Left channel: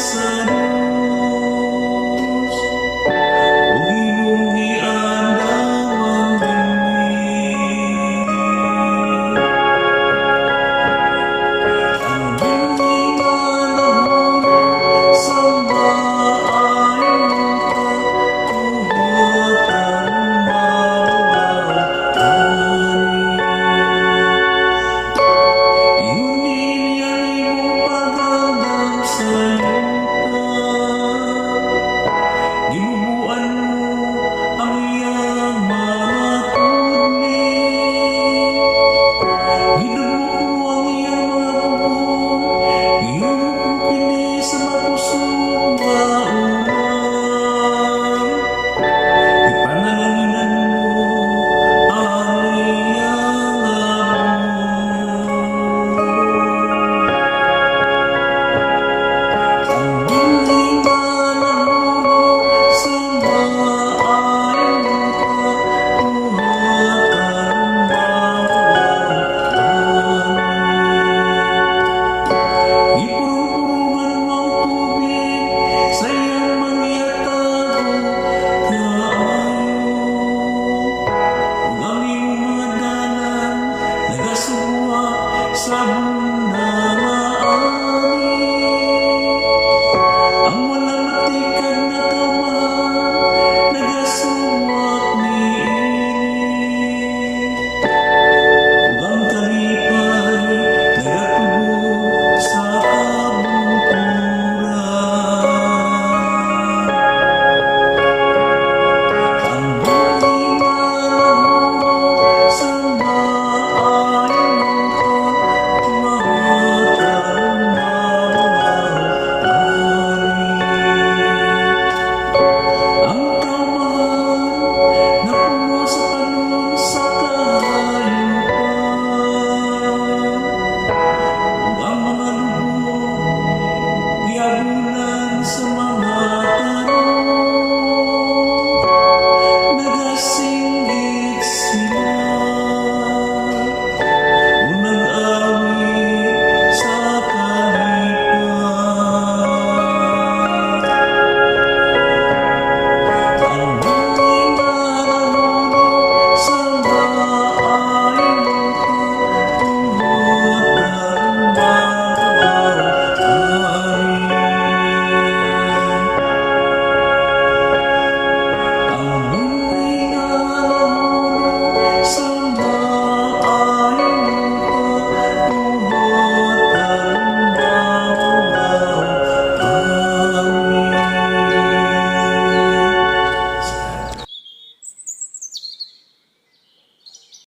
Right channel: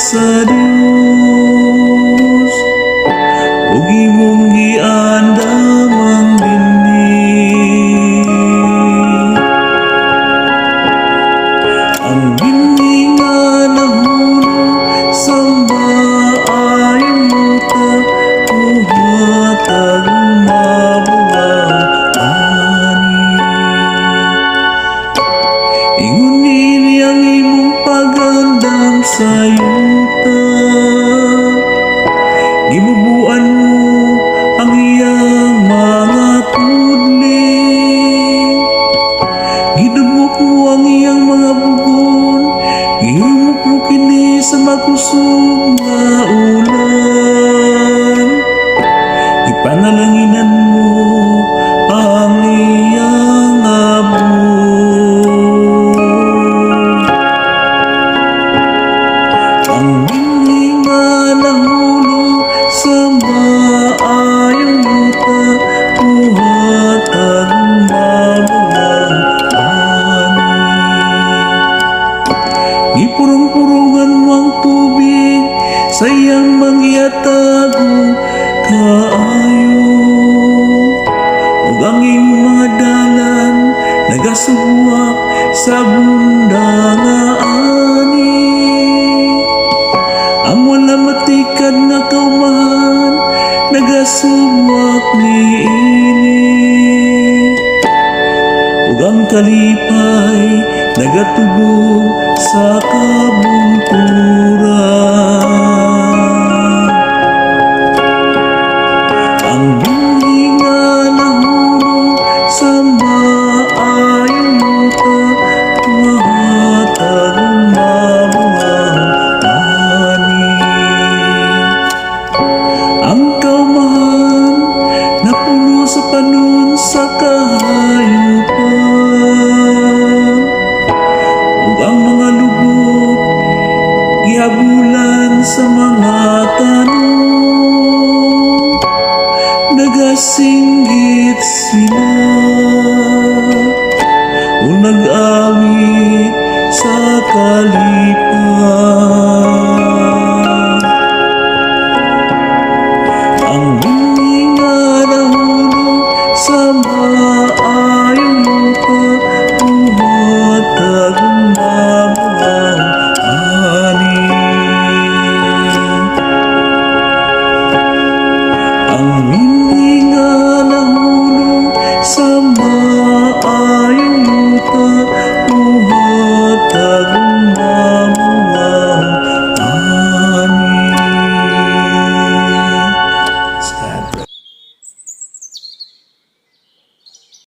sa Diyos, ug imong giandam ang dinhi. Ang dinhi nga nahulog sa maayong lupa, buhat ang mabulang ani. Ingon nini ang imong pagandam sa gibubuan mo ang iyang mga tudling, gidumok mo ang iyang mga bugon, gihumok mo kini sa makusog nga ulan, ipangalanginan mo ang iyang abot. Ang binhi nga nahulog sa maayong lupa, buhat ang mabulang ani. Gipurong-purongan mo ang tubig sa iyang mangyatago kaayo, ug ang imong mga dalan nagasugwak sa bunda nga ani. Ang wala matikad nga kaumahan nagasubwak niini, ug ang kalipay nagatubog sa kabungturan. Ang binhi nga nahulog sa maayong lupa, buhat ang mabulang ani. Ang kaumahan napuno sa panon sa kahayupan, ug ang mga lubot gihabulan sa mga